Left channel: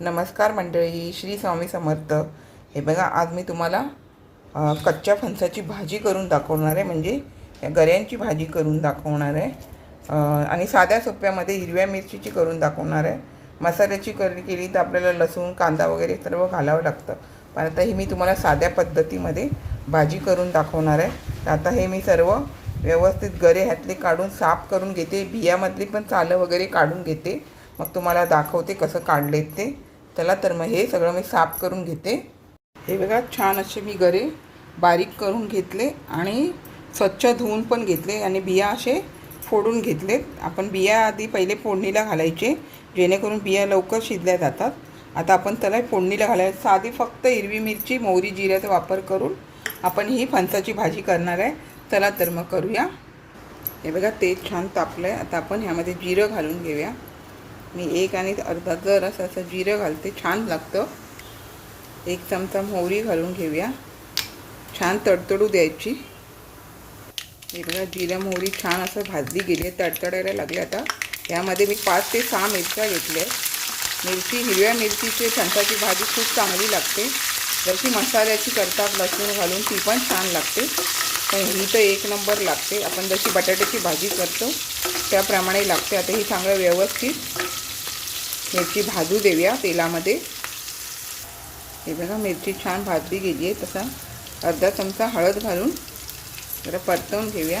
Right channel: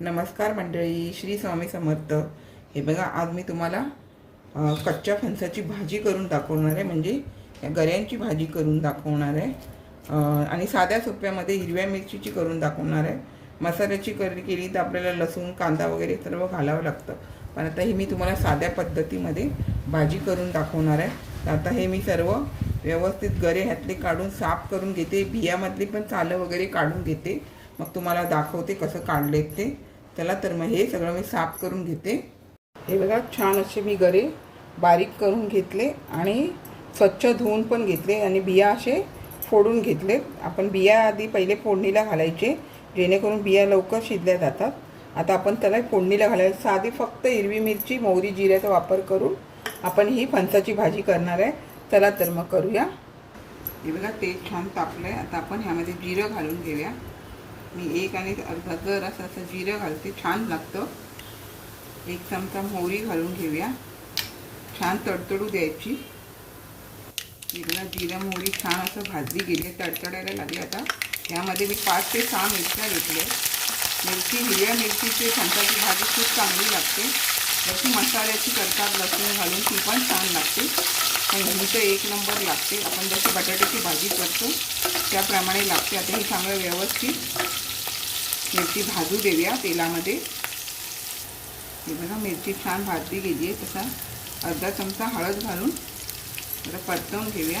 नमस्कार मंडळी श्री स्वामी समर्थ. हे बघा आज मी तुम्हाला कच्च्या फणसाची भाजी करून दाखवणार आहे. म्हणजे गऱ्यांची भाजी करून दाखवणार आहे. आणि साध्या सोप्यामध्ये हिरव्या मिरचीची करून दाखवणार आहे. मसाल्याची करी केली तर आपल्याला लसूण कांदा वगैरे सर्व घालावं लागतं. पण आता ही मी तुम्हाला साध्या पद्धतीमध्ये भाजी करून दाखवणार आहे. तर आता हे मी सर्व व्यवस्थित गरे ह्यातले काढून साफ करून घेते. बियामधली पण चालं वगैरे काढून घेते. मग तुम्हाला दाखवते कसं काढलेत ते. चला तर मग हे सगळं मी साफ करून घेते. हे बघा छान असे मी गरे बारीक करून घेतले आणि स्वच्छ धुवून पण घेतले आणि बिया असे फोडून घेतलेत. आपण बिया आधी पहिले फोडणीला घालायचे जेणेकरून बिया लवकर शिजल्या जातात. आता आपण त्याला फोडणीला घालायचं. साधी फक्त हिरवी मिरची मोहरी जिऱ्याचा वापर करून आपण ही फणसाची भाजी करणार आहे. चला तर मग करूया. हे बघा तेल छान तापलं आहे आता आपण ह्यामध्ये जिरं घालून घेऊया. मी एक आणि अर्धा जर असं असं जिरं घालते. छान लागतं. एक चमचा मोहरी घालून घेऊया. छान तडतडू द्यायची. एकदा जिरं मोहरी छान असं भाजली गेली आहे तडतडायला लागली आता. यामध्ये मी पाच ते सहा मिरच्या घेतल्या मिरची हिरव्या मिरचीची फणसाची भाजी खूप चांगली लागते. जशी मसाल्याची करतात लसूण घालून ती पण छान लागते. पण ही तर एक नंबर लागते. आपण जशी बटाट्याची भाजी करतो त्याप्रमाणे लागते. आता ही चांगलं व्यवस्थित. मिरची भाजू देऊया तेलामध्ये. हे बघा मिरची छान भाजली गेली आहे. तसा अर्धा चमचा हळद घालून जरा परतवून घेऊया.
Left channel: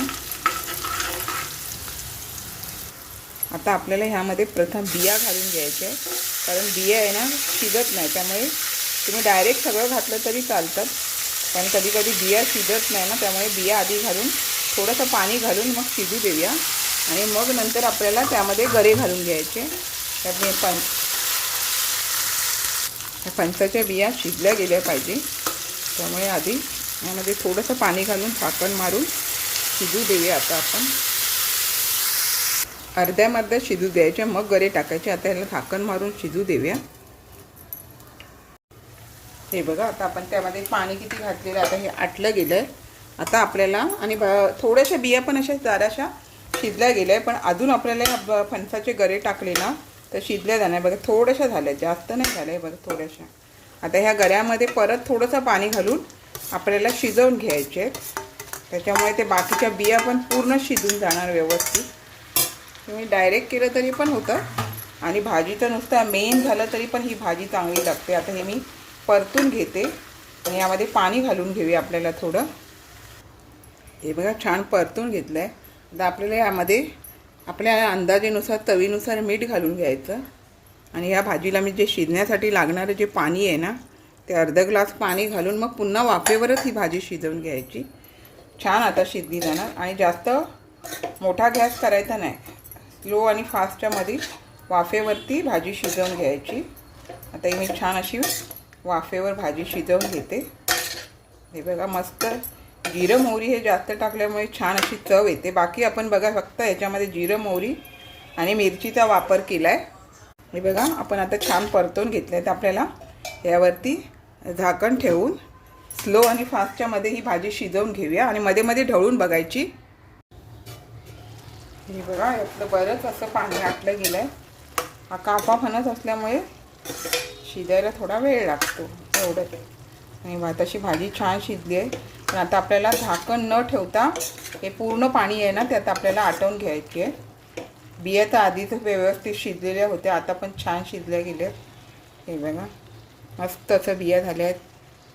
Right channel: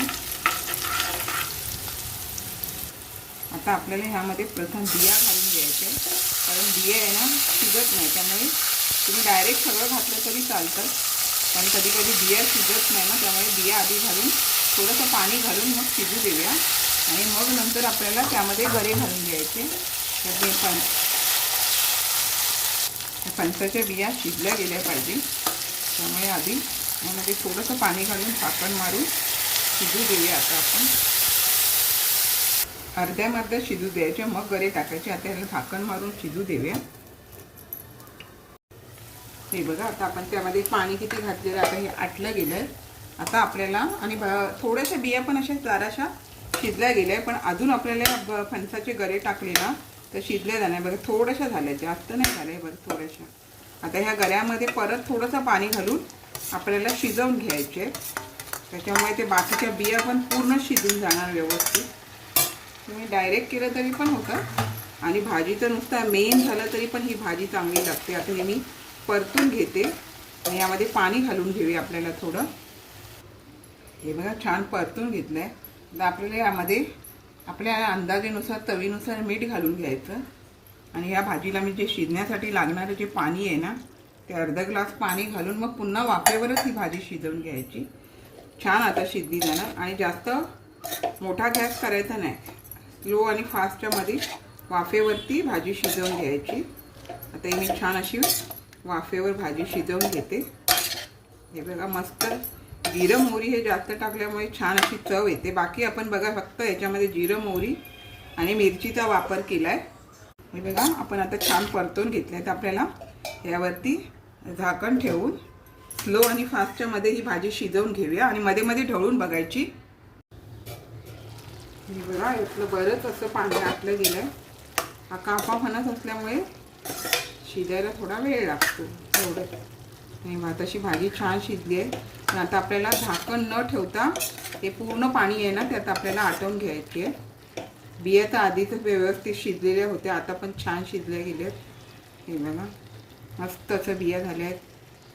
आता आपल्याला ह्यामध्ये प्रथम बिया घालून घ्यायच्या आहे कारण बिया आहे ना शिजत नाही. त्यामुळे तुम्ही डायरेक्ट सगळं घातलं तरी चालतं. कारण कधी कधी बिया शिजत नाही ना त्यामुळे बिया आधी घालून थोडंसं पाणी घालून मग शिजू देऊया. आणि मग नंतर आपल्याला त्यामध्ये गरे घालून घ्यायचे. त्यामुळे हे पण फणसाच्या बिया शिजल्या गेल्या पाहिजे. त्यामुळे आधी यामध्ये थोडंसं पाणी घालून पाकण मारून शिजू देऊया आता आपण. अर्ध्या शिजू द्यायच्या मग गरे टाकायचे. आता याला झाकण मारून शिजू देऊया. हे बघा आता आपण त्यामध्ये पाणी किती घातलेलं आता हे आटलं गेलं आहे आता आपल्याला आणि ब- थोड्याशा बिया पण अशा जराशा शिजल्या गेल्या आहे पण अजून आपल्याला ब- फणसाचे गरे टाकले ना तर शिजल्या जाणार. बघा थोड्याशा झाल्या जास्त नाही झाल्या आहे बघा थोड्याशा. आता ह्या गऱ्यामध्ये परत थोडंसं पाणी घालून आपल्याला शिजवून घ्यायचे त्याच्यामुळे ते बाकीच्या बिया पण पूर्ण शिजून जाणार व्यवस्थित. तुम्ही डायरेक्ट केलं तरी पण होतं. आणि भाजीचं नुसतं मेन झालं तरी पण ही भाजी चांगली लागते. आता हे मी परतून घेते. आणि यामध्ये पाणी घालून घेऊया आपल्याला थोडं. हे बघा छान परतून घेतलं आहे आता आपल्याला यामध्ये आपल्या अंदाजेनुसार तवीनुसार मीठ घालून घ्यायचं. आणि या भाजीला मी जे शिजण्यासाठी लागणारं जे पाणी आहे ना ते अर्धा ग्लास पाणी घालून मग पुन्हा वाफेवरच ही भाजी शिजवून घ्यायची. छान आता शिजली जाणार. आणि जास्त मोठा गॅस करायचा नाही. लो आणि फास्टच्यामध्ये वाफेवरती भाजी शिजवून घ्यायची. आता ही मी छान अशी वाफेवर भाजी शिजवून घेते. हे बघा मस्त जिरं मोहरी हे जास्त टाकल्यामुळे छान अशी चव येते. बाकी आपण बघा फक्त याच्यामध्ये जिरं मोहरी आणि मिरचीचा वापर केला आहे हे बघा आपण आता छान परतून घेतलं आहे तर आपल्याला. यावरती झाकण ठेवून स्लो आणि फास्टच्या मध्ये ही भाजी शिजवून घेऊया आणि मध्ये मध्ये ढवळून बघायची. हे बघा यातलं बरंच असं पाणी आटलं गेलं आहे हा कापा असल्यामुळे शिजायला थोडा वेळ लागतो एवढं आणि भाताची भाजी छान शिजली आहे. पण आता आपल्याला झाकण न ठेवता हे पूर्ण पाणी आहे ना त्यात आपल्याला आटवून घ्यायची आहे. बिया तर आधीच व्यवस्थित शिजलेल्या होत्या आता पण छान शिजल्या गेल्या. हे बघा मस्त असं बिया झाल्या आहेत.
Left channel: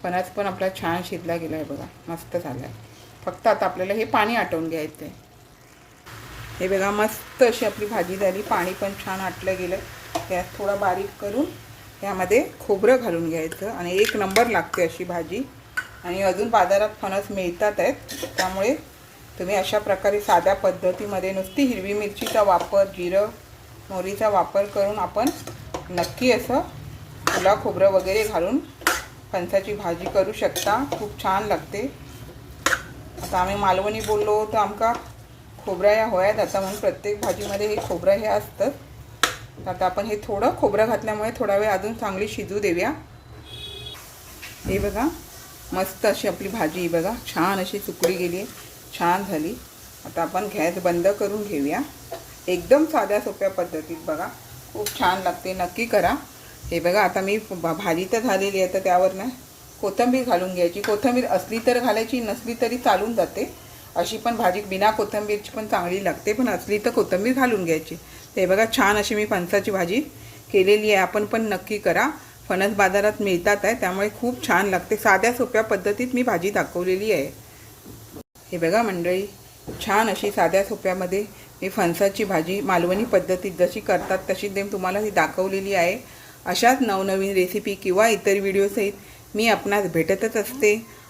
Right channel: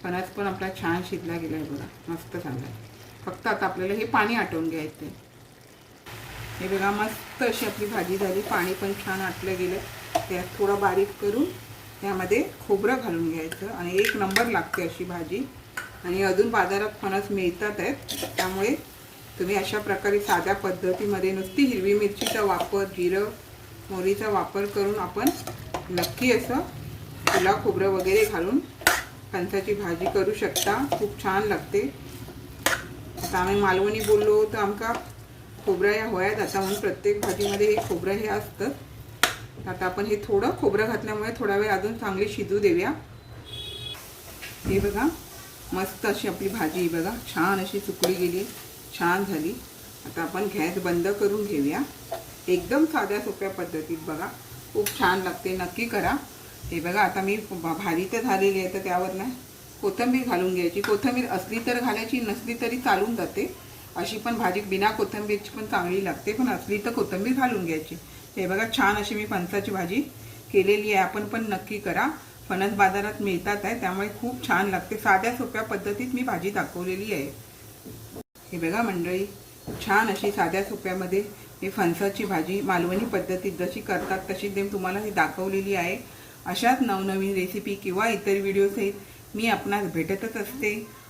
फणस पण आपला छान शिजला गेला आहे बघा मस्त झाला आहे. फक्त आता आपल्याला हे पाणी आटवून घ्यायचं आहे हे बघा मस्त अशी आपली भाजी झाली. पाणी पण छान आटलं गेलं. त्यात थोडं बारीक करून यामध्ये खोबरं घालून घ्यायचं आणि एक नंबर लागते अशी भाजी. आणि अजून बाजारात फणस मिळतात आहेत. त्यामुळे तुम्ही अशा प्रकारे साध्या पद्धतीमध्ये नुसती हिरवी मिरचीचा वापर जिरं मोहरीचा वापर करून आपण नक्की असं फुला खोबरं वगैरे घालून फणसाची भाजी करू शकता. खूप छान लागते. आता आम्ही मालवणी बोललो तर आमका खोबरा या होयात आता म्हणून प्रत्येक भाजीमध्ये हे खोबरं हे असतं आता आपण हे थोडं खोबरं घातल्यामुळे थोडा वेळ अजून चांगली शिजू देऊया. हे बघा मस्त अशी आपली भाजी बघा. छान अशी सुकली गेली आहे. छान झाली. आता आपण गॅस बंद करून घेऊया. एकदम साध्या सोप्या पद्धतीत बघा. खूप छान लागते. नक्की करा. हे बघा आता मी भाजी तर झालेली आहे तर त्यावर ना कोथिंबीर घालून घ्यायची. कोथिंबीर असली तर घालायची नसली तरी चालून जाते. अशी पण भाजी बिना कोथिंबीरची पण चांगली लागते पण असली तर कोथिंबीर घालून घ्यायची. ते बघा छान अशी मी फणसाची भाजी केलेली आहे. आपण पण नक्की करा. फणस बाजारात मिळतात आहे त्यामुळे खूप छान लागते. साध्या सोप्या पद्धतीत मी भाजी दाखवलेली आहे. हे बघा मंडळी छान अशी साध्या सोप्यामध्ये मी फणसाची भाजी मालवणी पद्धतीत जशी करतात तशी मी तुम्हाला ती दाखवलेली आहे. अशाच नवनवीन रेसिपी किंवा इतर व्हिडिओसहित मी आपणास भेटतच असते.